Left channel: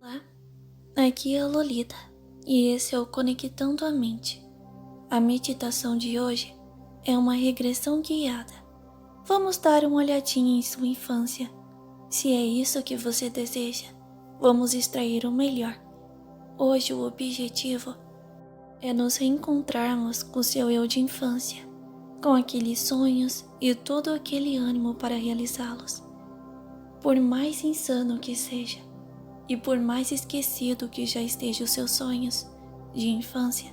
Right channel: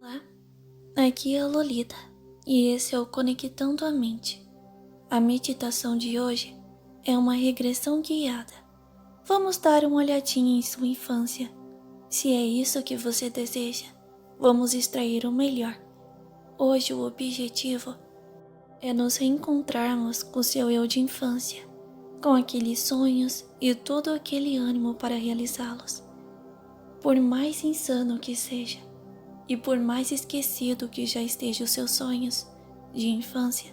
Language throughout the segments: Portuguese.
Olá, aqui é a Lolita e esse é o Conectando a Mente. A meditação de hoje é uma regressão guiada. Vamos dar uma olhadinha em sua infância. Se é isso que você deseja, vamos extrair o melhor. Hoje o objetivo é nos reencontrarmos com seu eu de infância, com aqueles sonhos e todo aquele ânimo para realizá-los. Por mais insano que seja, e por mais esquecido que já estejam os seus sonhos de infância,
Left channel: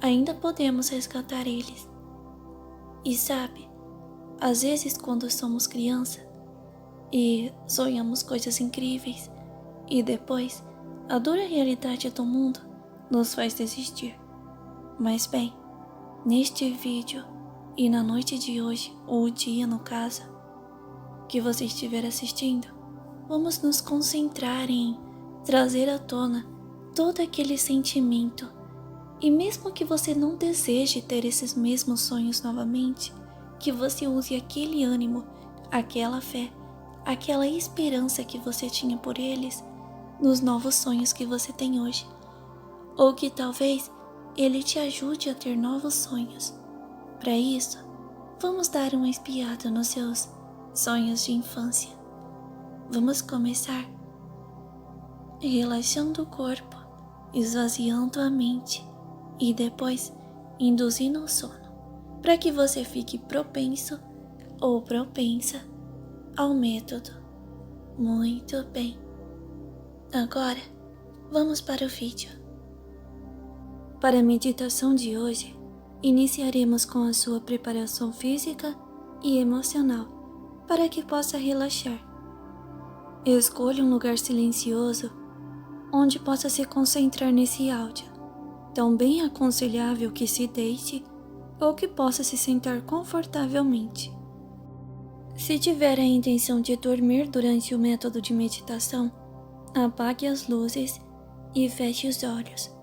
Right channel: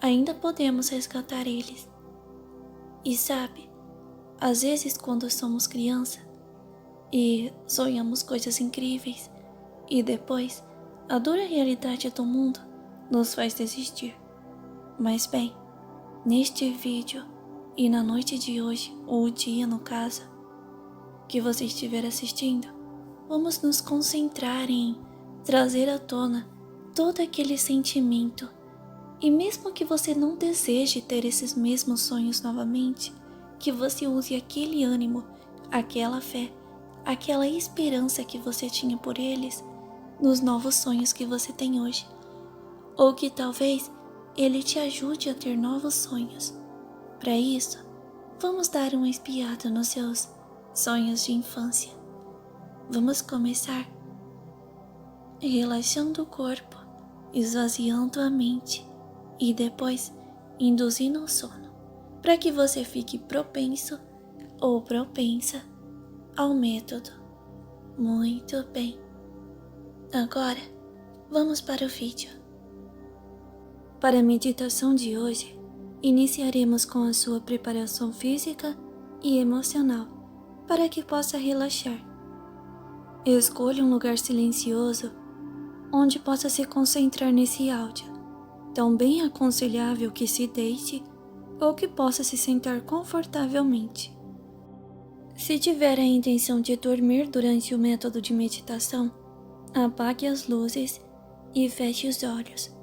ainda podemos resgatar eles. E sabe, às vezes quando somos criança e sonhamos coisas incríveis e depois a dura realidade do mundo nos faz desistir. Mas bem, neste vídeo e na noite de hoje, ou o dia no caso, que você estiver assistindo, vamos nos concentrar em trazer à tona todo aquele sentimento. E mesmo que você não deseje ter esses mesmos sonhos novamente, que você use aquele ânimo, aquela fé, aquela esperança que você tinha por eles nos novos sonhos que você tem hoje. Ou que talvez ele te ajude a ter novos sonhos. Para isso, vamos dar uma espiada nos seus sonhos de infância. Vamos começar relaxando o corpo, esvaziando a mente e depois induzindo o sono, para que você fique propenso ou propensa ao método. Muito bem. Agora, vamos para o vídeo. Para a meditação de hoje, iniciaremos com a sua preparação física e emocional para que possa relaxar. Escolha um lugar silencioso onde possa se concentrar nesse áudio. Tão bem aconselhável que se deite ou que possa se sentar confortavelmente. Se tiver a intenção de dormir durante o método de meditação, apague as luzes e feche os olhos.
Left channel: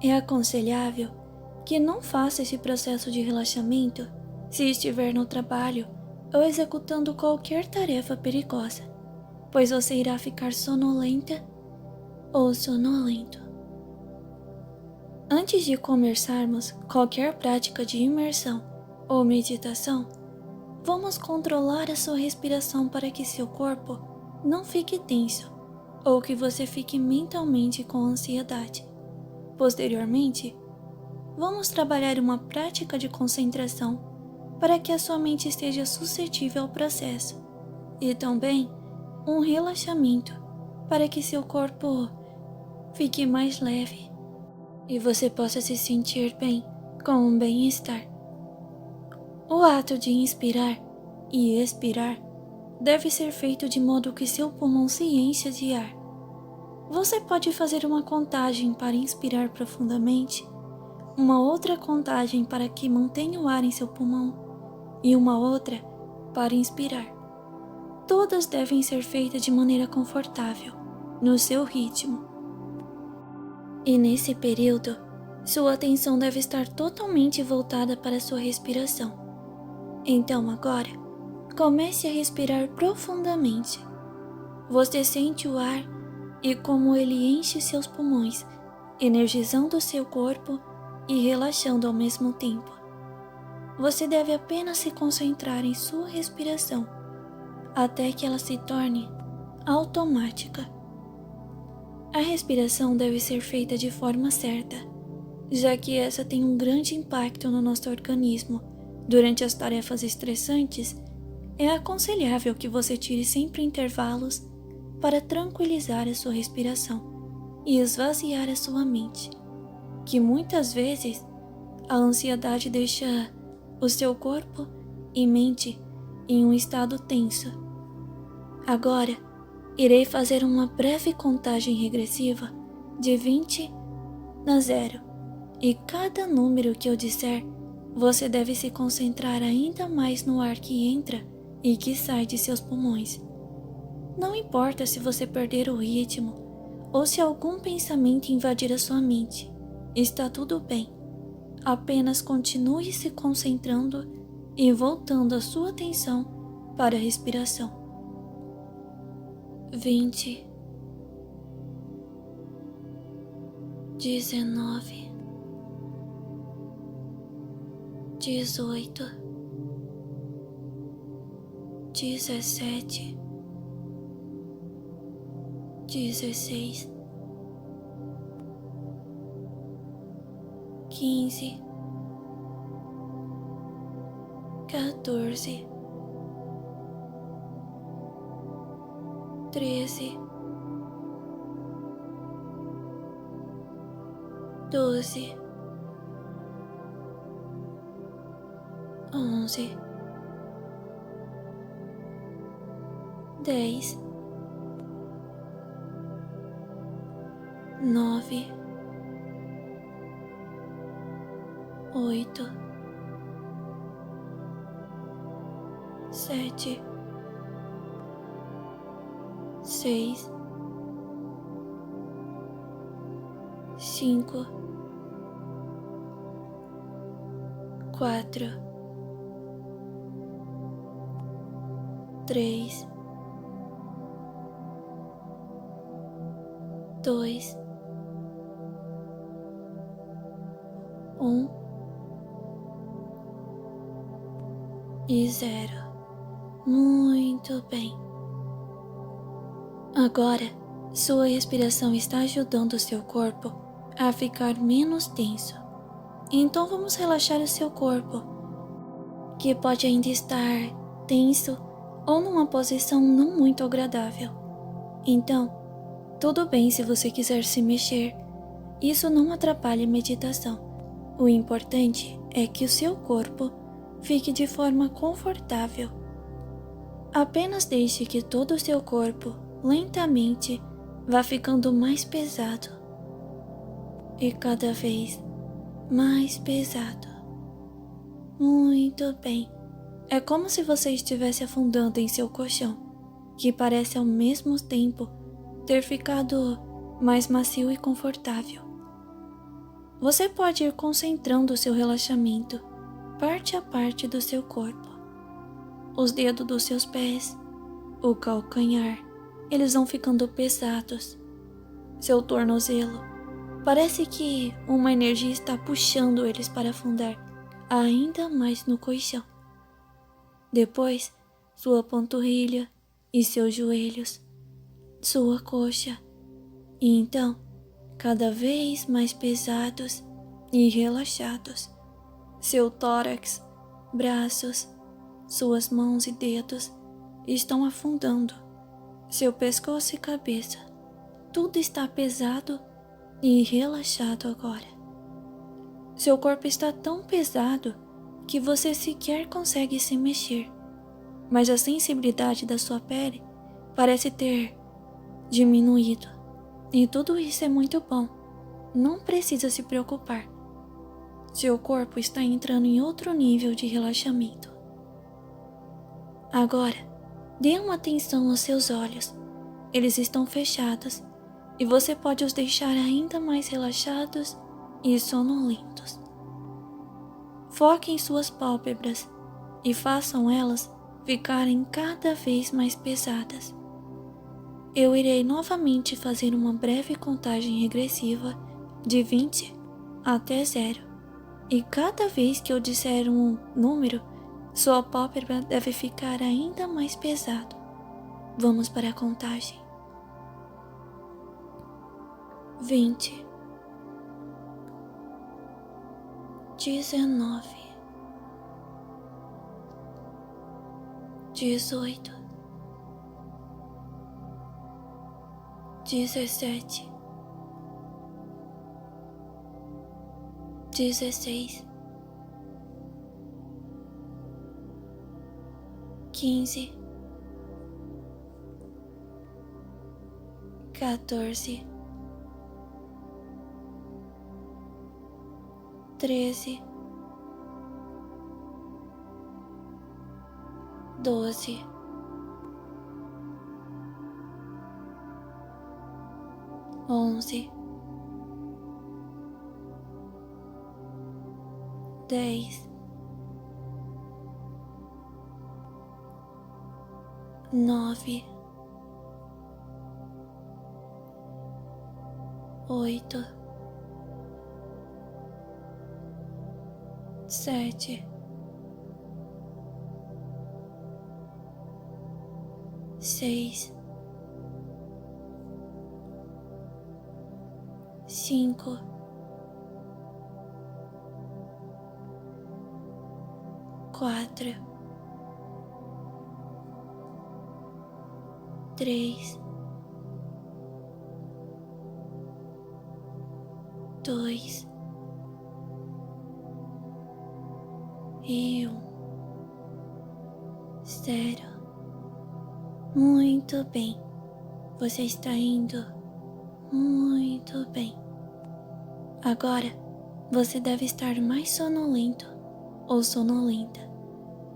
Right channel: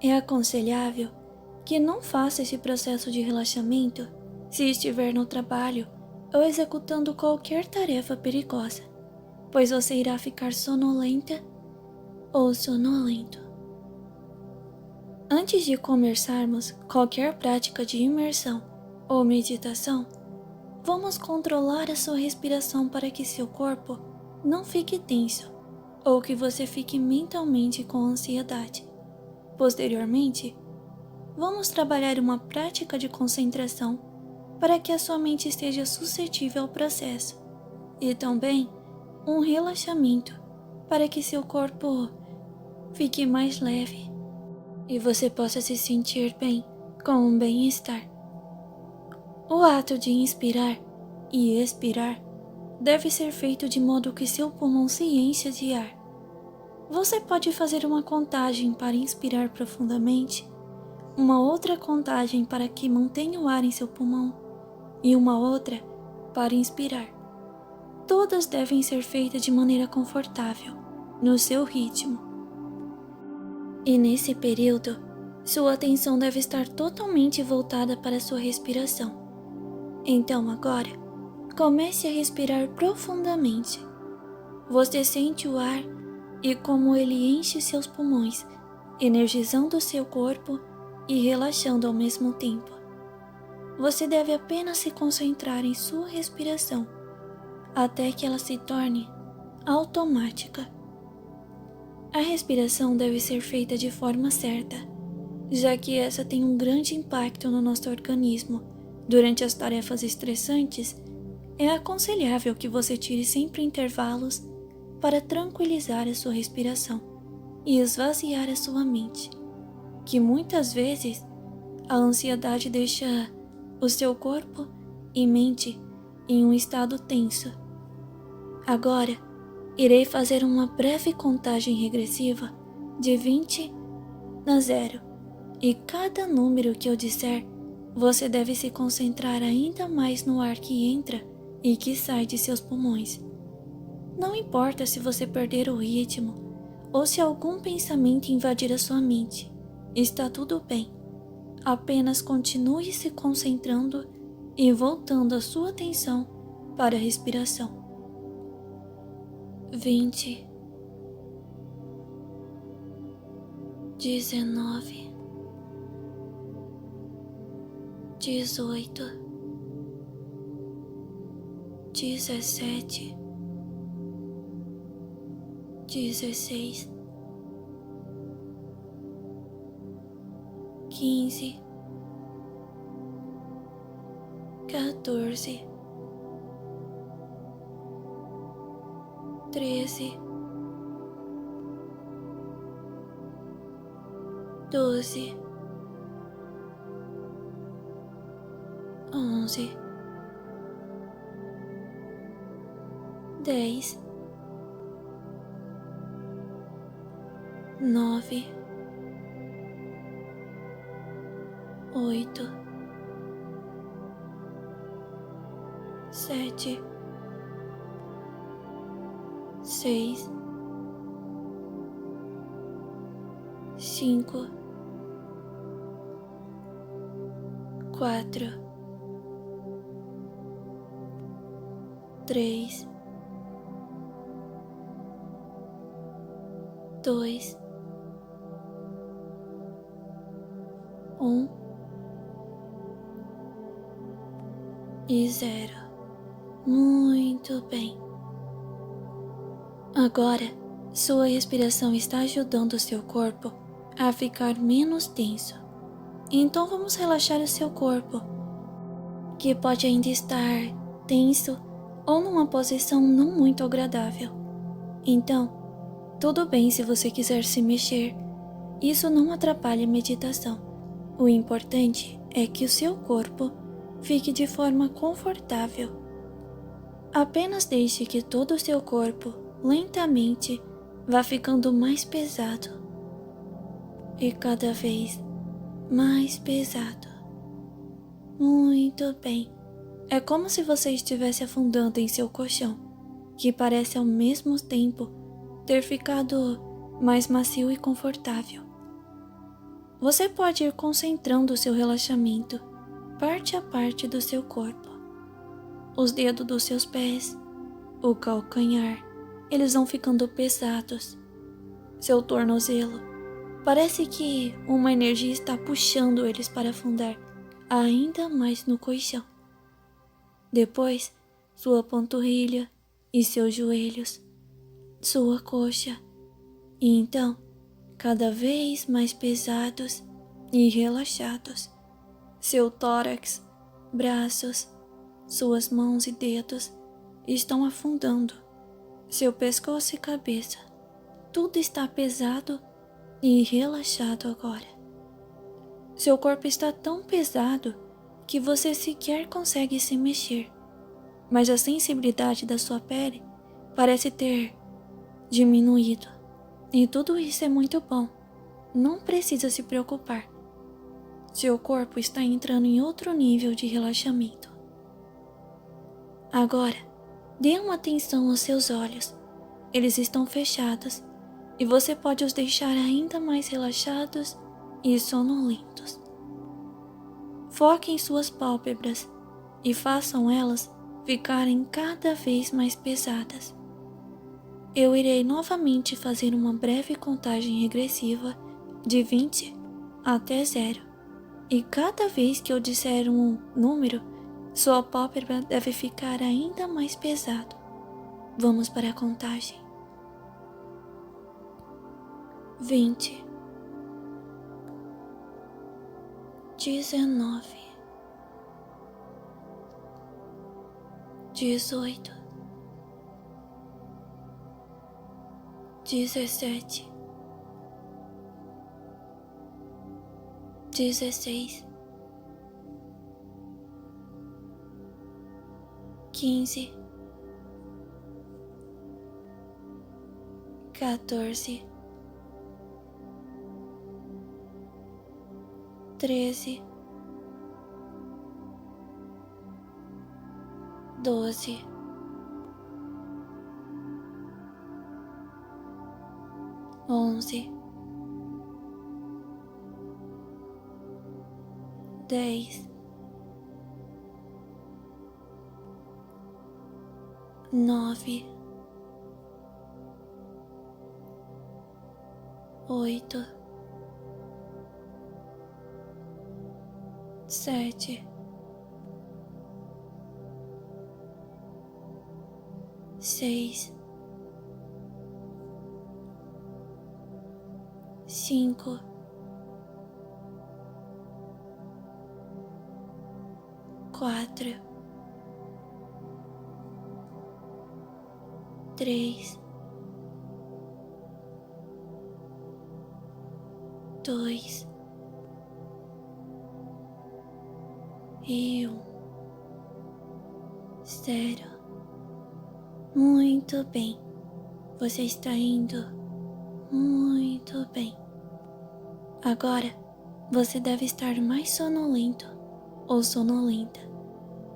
É aconselhável que não faça esse processo de relaxamento se estiver no trabalho ou executando qualquer tarefa perigosa, pois você irá ficar sonolenta ou sonolento. Antes de começarmos qualquer prática de imersão ou meditação, vamos controlar a sua respiração para que seu corpo não fique tenso ou que você fique mentalmente com ansiedade. Posteriormente, vamos trabalhar uma prática de concentração para que a sua mente esteja suscetível ao processo e também um relaxamento para que seu corpo fique mais leve e você possa se sentir bem com um bem-estar. O ato de inspirar e expirar deve ser feito de modo que seu pulmão se encha de ar. Você pode fazer uma contagem para inspirar profundamente, uma outra contagem para que mantenha o ar em seu pulmão e uma outra para inspirar. Todas devem ser feitas de maneira confortável, no seu ritmo. E nesse período, sua atenção deve estar totalmente voltada para a sua respiração. Então agora, comece a respirar profundamente. Você sente o ar e como ele enche seus pulmões, energizando seu corpo e relaxando ao mesmo tempo. Você deve apenas se concentrar em sua respiração, até que ela se torne automática. A respiração deve ser feita de forma certa, já que essa tem um grande impacto no nosso organismo. Durante as tarefas estressantes, é aconselhável que você tire sempre intervalos para tranquilizar a sua respiração e esvaziar a sua mente, que muitas vezes a ansiedade deixa o seu corpo e mente em um estado tenso. Agora, irei fazer uma breve contagem regressiva de 20 a 0, e cada número que eu disser, você deve se concentrar ainda mais no ar que entra e que sai de seus pulmões. Não importa se você perder o ritmo ou se algum pensamento invadir a sua mente, está tudo bem. Apenas continue se concentrando e voltando a sua atenção para a respiração. 20, 19, 18, 17, 16, 15, 14, 13, 12, 11, 10, 9, 8, 7, 6, 5, 4, 3, 2, 1 e 0. Muito bem. Agora, sua respiração está ajudando o seu corpo a ficar menos tenso. Então vamos relaxar o seu corpo, que pode ainda estar tenso ou numa posição não muito agradável. Então, tudo bem se você quiser se mexer. Isso não atrapalha a meditação. O importante é que o seu corpo fique de forma confortável. Apenas deixe que todo o seu corpo, lentamente, vá ficando mais pesado. E cada vez mais pesado. Muito bem. É como se você estivesse afundando em seu colchão, que parece ao mesmo tempo ter ficado mais macio e confortável. Você pode ir concentrando o seu relaxamento parte a parte do seu corpo. Os dedos dos seus pés, o calcanhar, eles vão ficando pesados. Seu tornozelo, parece que uma energia está puxando eles para afundar ainda mais no colchão. Depois, sua panturrilha e seus joelhos, sua coxa, e então, cada vez mais pesados e relaxados. Seu tórax, braços, suas mãos e dedos estão afundando. Seu pescoço e cabeça, tudo está pesado e relaxado agora. Seu corpo está tão pesado que você sequer consegue se mexer, mas a sensibilidade da sua pele parece ter diminuído. E tudo isso é muito bom. Não precisa se preocupar. Seu corpo está entrando em outro nível de relaxamento. Agora, dê uma atenção aos seus olhos. Eles estão fechados e você pode os deixar ainda mais relaxados e sonolentos. Foque em suas pálpebras e façam elas ficarem cada vez mais pesadas. Eu irei novamente fazer uma breve contagem regressiva de 20 até 0. E cada vez que eu disser um número, sua pálpebra deve ficar ainda mais pesado. Vamos para a contagem. 20, 19, 18, 17, 16, 15, 14, 13, 12, 11, 10, 9, 8, 7, 6, 5, 4, 3, 2 e 1. 0. Muito bem. Você está indo muito bem. Agora, você deve estar mais sonolento ou sonolenta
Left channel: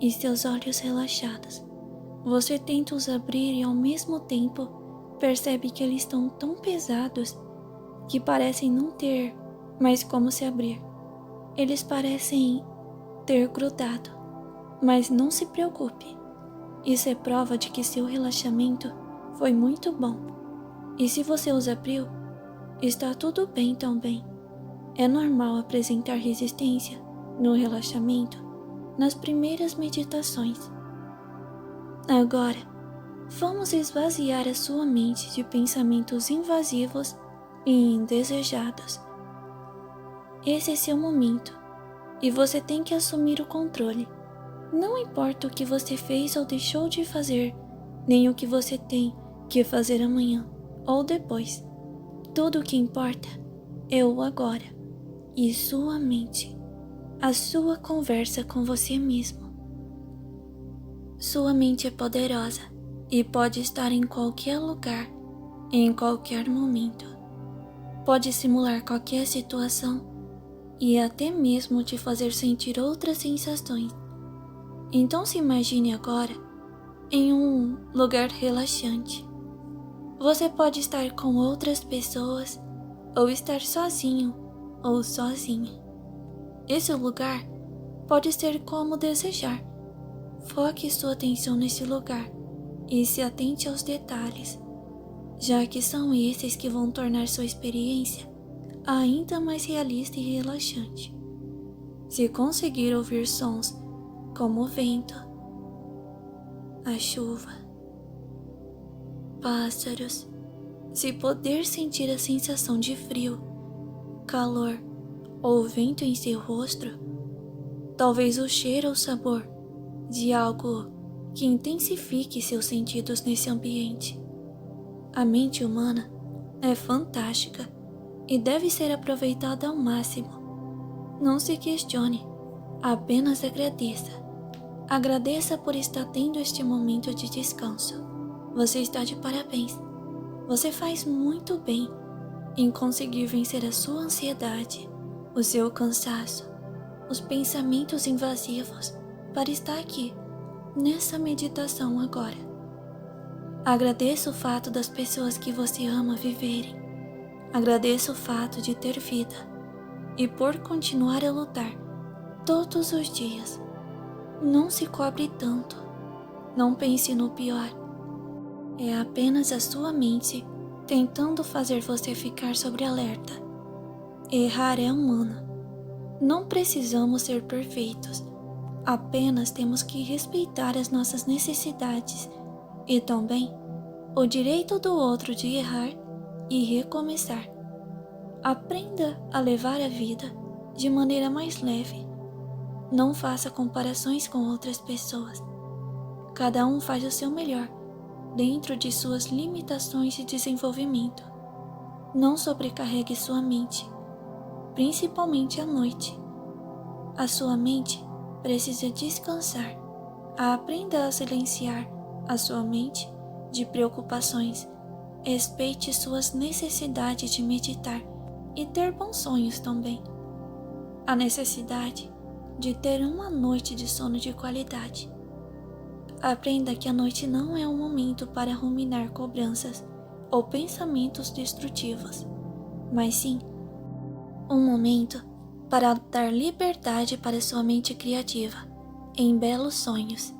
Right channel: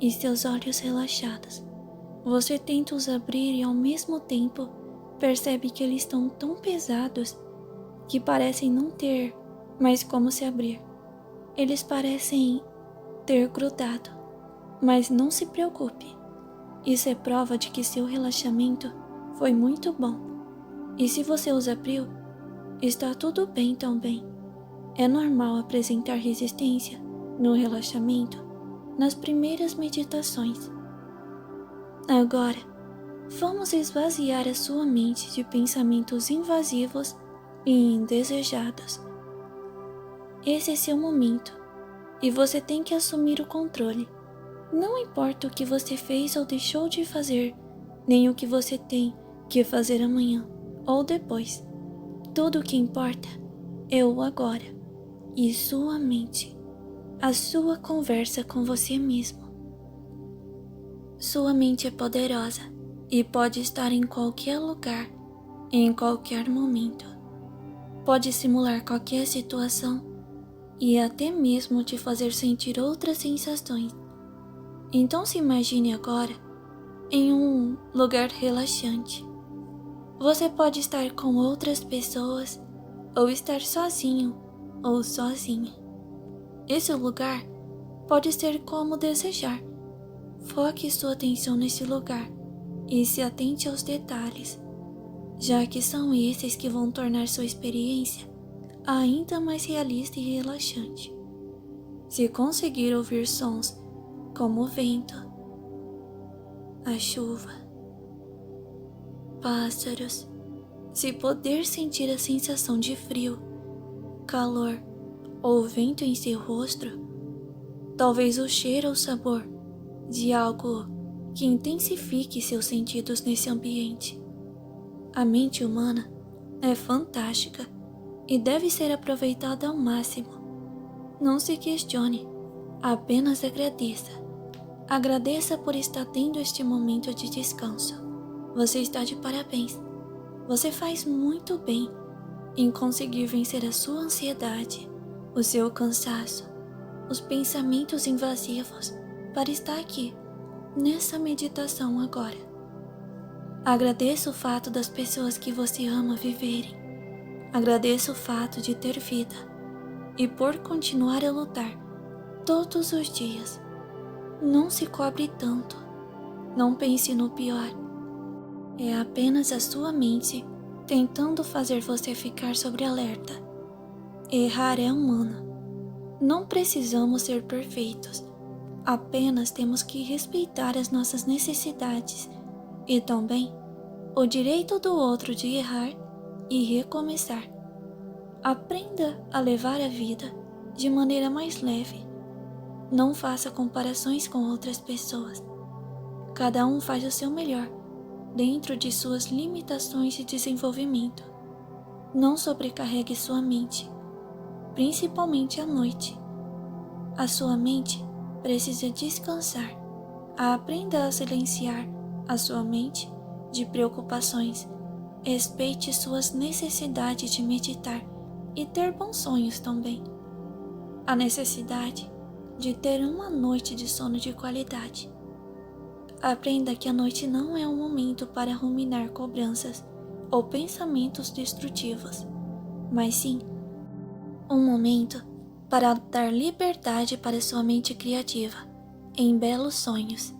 e seus olhos relaxados. Você tenta os abrir e ao mesmo tempo percebe que eles estão tão pesados que parecem não ter mais como se abrir. Eles parecem ter grudado, mas não se preocupe. Isso é prova de que seu relaxamento foi muito bom. E se você os abriu, está tudo bem também. É normal apresentar resistência no relaxamento nas primeiras meditações. Agora, vamos esvaziar a sua mente de pensamentos invasivos e indesejados. Esse é seu momento e você tem que assumir o controle. Não importa o que você fez ou deixou de fazer, nem o que você tem que fazer amanhã ou depois. Tudo o que importa é o agora e sua mente, a sua conversa com você mesmo. Sua mente é poderosa e pode estar em qualquer lugar, em qualquer momento. Pode simular qualquer situação e até mesmo te fazer sentir outras sensações. Então se imagine agora em um lugar relaxante. Você pode estar com outras pessoas ou estar sozinho ou sozinha. Esse lugar pode ser como desejar. Foque sua atenção nesse lugar e se atente aos detalhes, já que são esses que vão tornar sua experiência ainda mais realista e relaxante. Se conseguir ouvir sons como o vento, a chuva, pássaros, se poder sentir a sensação de frio, calor ou vento em seu rosto, talvez o cheiro ou sabor de algo que intensifique seus sentidos nesse ambiente. A mente humana é fantástica e deve ser aproveitada ao máximo. Não se questione, apenas agradeça. Agradeça por estar tendo este momento de descanso. Você está de parabéns. Você faz muito bem em conseguir vencer a sua ansiedade, o seu cansaço, os pensamentos invasivos para estar aqui, nessa meditação agora. Agradeça o fato das pessoas que você ama viverem. Agradeça o fato de ter vida e por continuar a lutar todos os dias. Não se cobre tanto. Não pense no pior. É apenas a sua mente tentando fazer você ficar sobre alerta. Errar é humano. Não precisamos ser perfeitos. Apenas temos que respeitar as nossas necessidades e também o direito do outro de errar e recomeçar. Aprenda a levar a vida de maneira mais leve. Não faça comparações com outras pessoas. Cada um faz o seu melhor dentro de suas limitações de desenvolvimento. Não sobrecarregue sua mente, principalmente à noite. A sua mente precisa descansar. Aprenda a silenciar a sua mente de preocupações. Respeite suas necessidades de meditar e ter bons sonhos também. A necessidade de ter uma noite de sono de qualidade. Aprenda que a noite não é um momento para ruminar cobranças ou pensamentos destrutivos, mas sim um momento para dar liberdade para sua mente criativa em belos sonhos,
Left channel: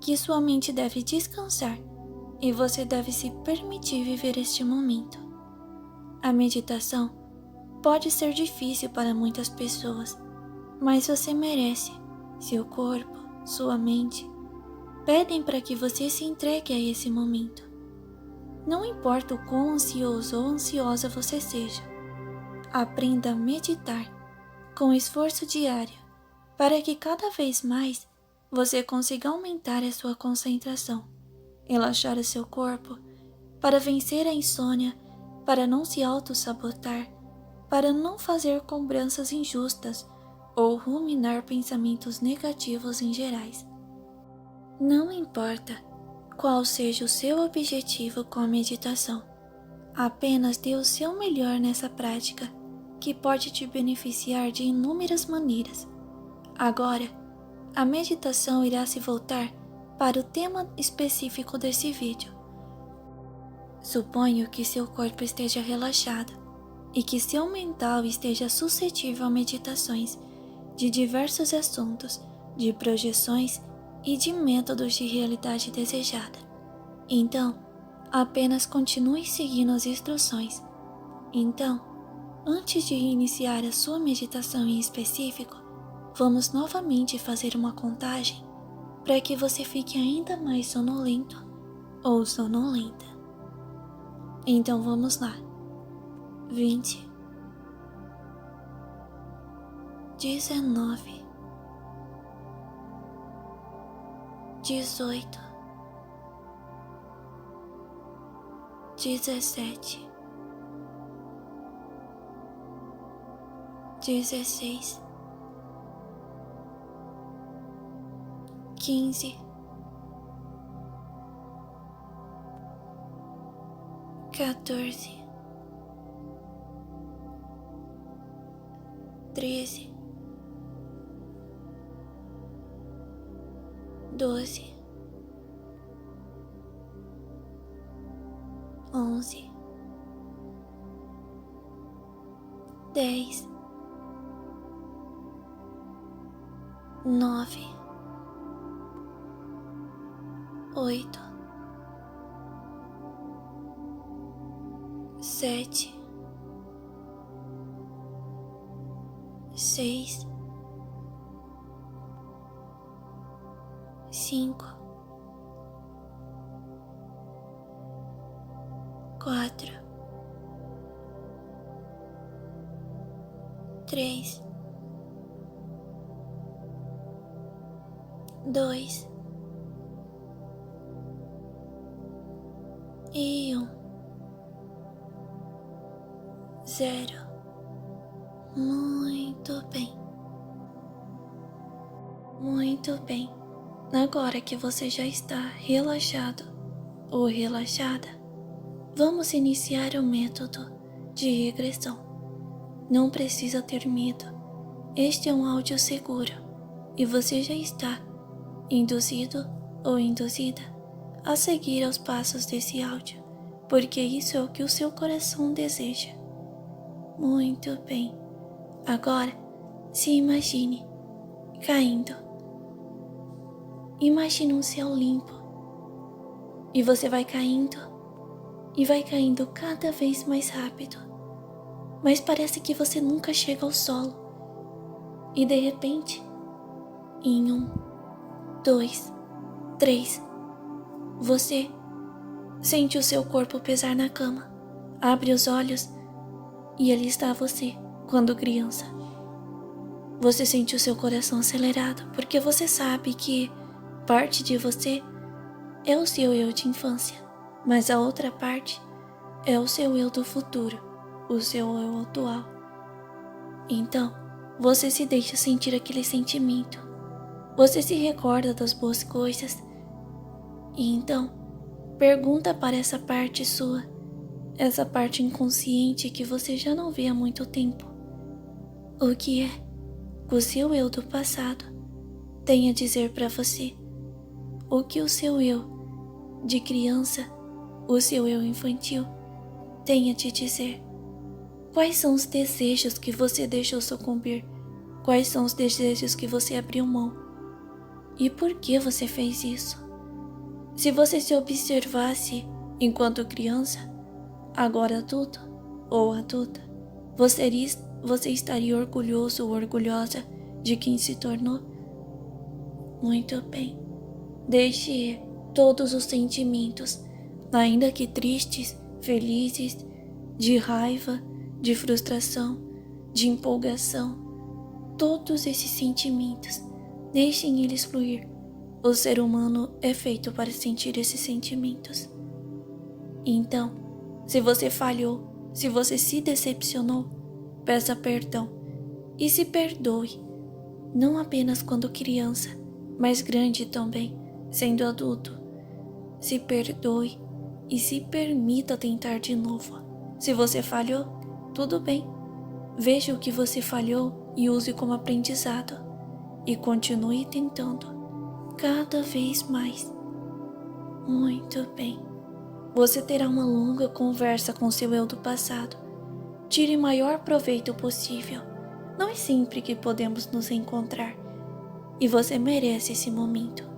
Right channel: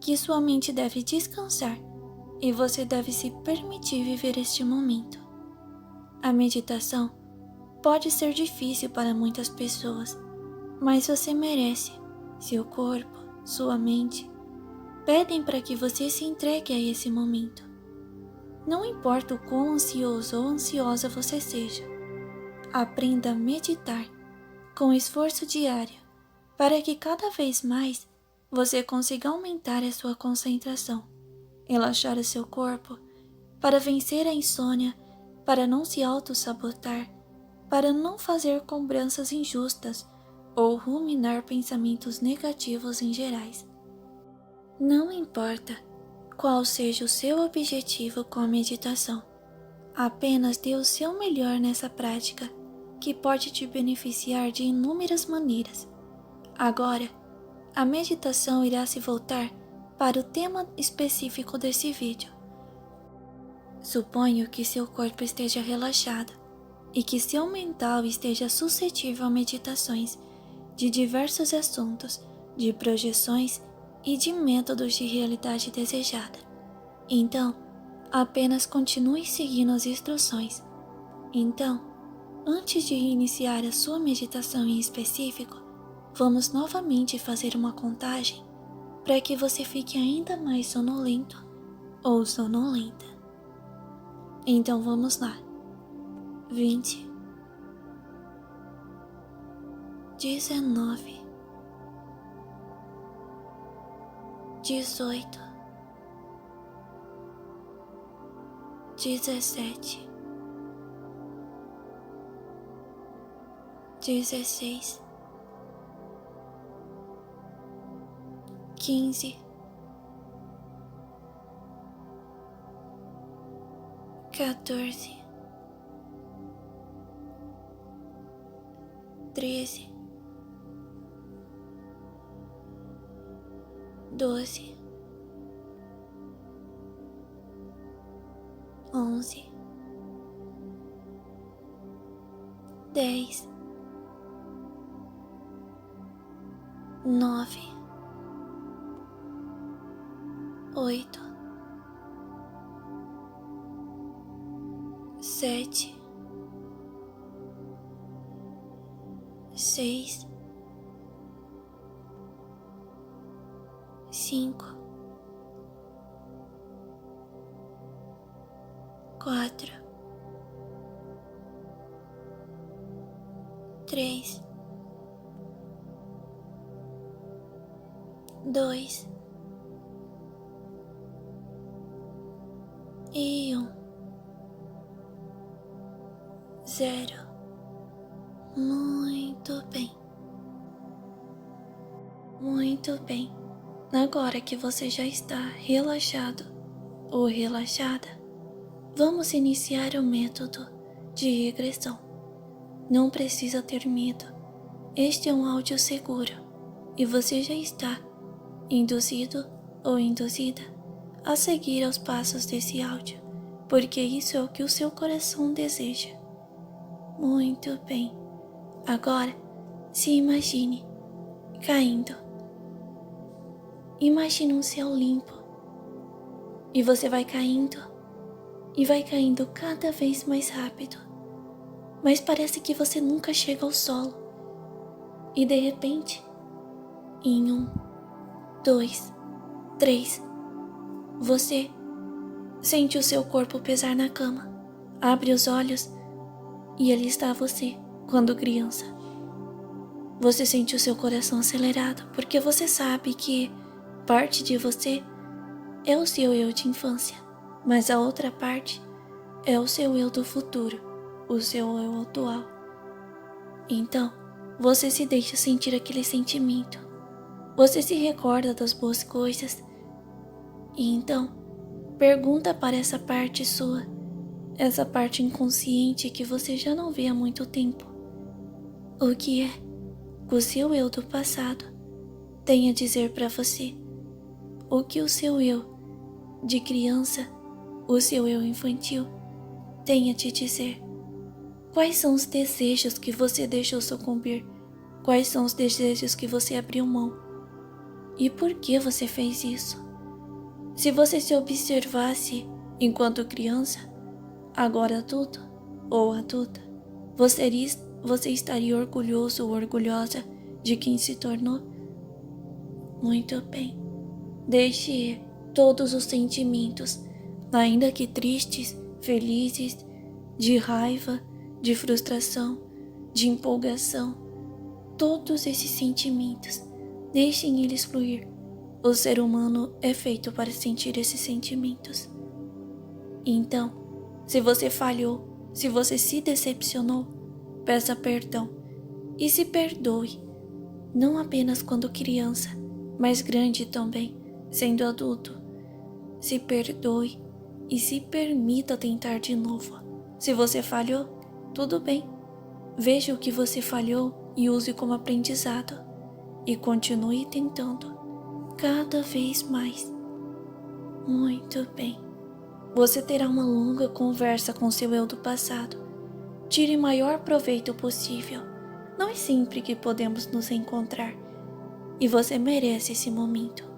que sua mente deve descansar e você deve se permitir viver este momento. A meditação pode ser difícil para muitas pessoas, mas você merece. Seu corpo, sua mente, pedem para que você se entregue a esse momento. Não importa o quão ansioso ou ansiosa você seja, aprenda a meditar com esforço diário para que cada vez mais você consiga aumentar a sua concentração, relaxar o seu corpo, para vencer a insônia, para não se auto-sabotar, para não fazer cobranças injustas ou ruminar pensamentos negativos em gerais. Não importa qual seja o seu objetivo com a meditação, apenas dê o seu melhor nessa prática, que pode te beneficiar de inúmeras maneiras. Agora, a meditação irá se voltar para o tema específico desse vídeo. Suponho que seu corpo esteja relaxado e que seu mental esteja suscetível a meditações de diversos assuntos, de projeções e de métodos de realidade desejada. Então, apenas continue seguindo as instruções. Então, antes de iniciar a sua meditação em específico, vamos novamente fazer uma contagem para que você fique ainda mais sonolento ou sonolenta. Então vamos lá. 20, 19, 18, 17, 16, 15, 14, 13, 12, 11, 10, 9, 8, 7, 6, 5, 4, 3, 2 e 1. 0. Muito bem. Muito bem. Agora que você já está relaxado ou relaxada, vamos iniciar o método de regressão. Não precisa ter medo. Este é um áudio seguro e você já está induzido ou induzida a seguir aos passos desse áudio, porque isso é o que o seu coração deseja. Muito bem. Agora, se imagine caindo. Imagine um céu limpo. E você vai caindo e vai caindo cada vez mais rápido. Mas parece que você nunca chega ao solo. E de repente, em 1, 2, 3, você sente o seu corpo pesar na cama. Abre os olhos e ali está você, quando criança. Você sente o seu coração acelerado porque você sabe que parte de você é o seu eu de infância, mas a outra parte é o seu eu do futuro, o seu eu atual. Então, você se deixa sentir aquele sentimento. Você se recorda das boas coisas e então pergunta para essa parte sua, essa parte inconsciente que você já não vê há muito tempo, o que é que o seu eu do passado tem a dizer para você, o que o seu eu de criança, o seu eu infantil, tem a te dizer. Quais são os desejos que você deixou sucumbir? Quais são os desejos que você abriu mão? E por que você fez isso? Se você se observasse enquanto criança, agora adulto ou adulta, você estaria orgulhoso ou orgulhosa de quem se tornou? Muito bem. Deixe ir todos os sentimentos, ainda que tristes, felizes, de raiva, de frustração, de empolgação. Todos esses sentimentos, deixem eles fluir. O ser humano é feito para sentir esses sentimentos. Então, se você falhou, se você se decepcionou, peça perdão e se perdoe, não apenas quando criança, mas grande também, sendo adulto. Se perdoe e se permita tentar de novo. Se você falhou, tudo bem. Veja o que você falhou e use como aprendizado. E continue tentando, cada vez mais. Muito bem. Você terá uma longa conversa com seu eu do passado. Tire o maior proveito possível. Não é sempre que podemos nos encontrar. E você merece esse momento.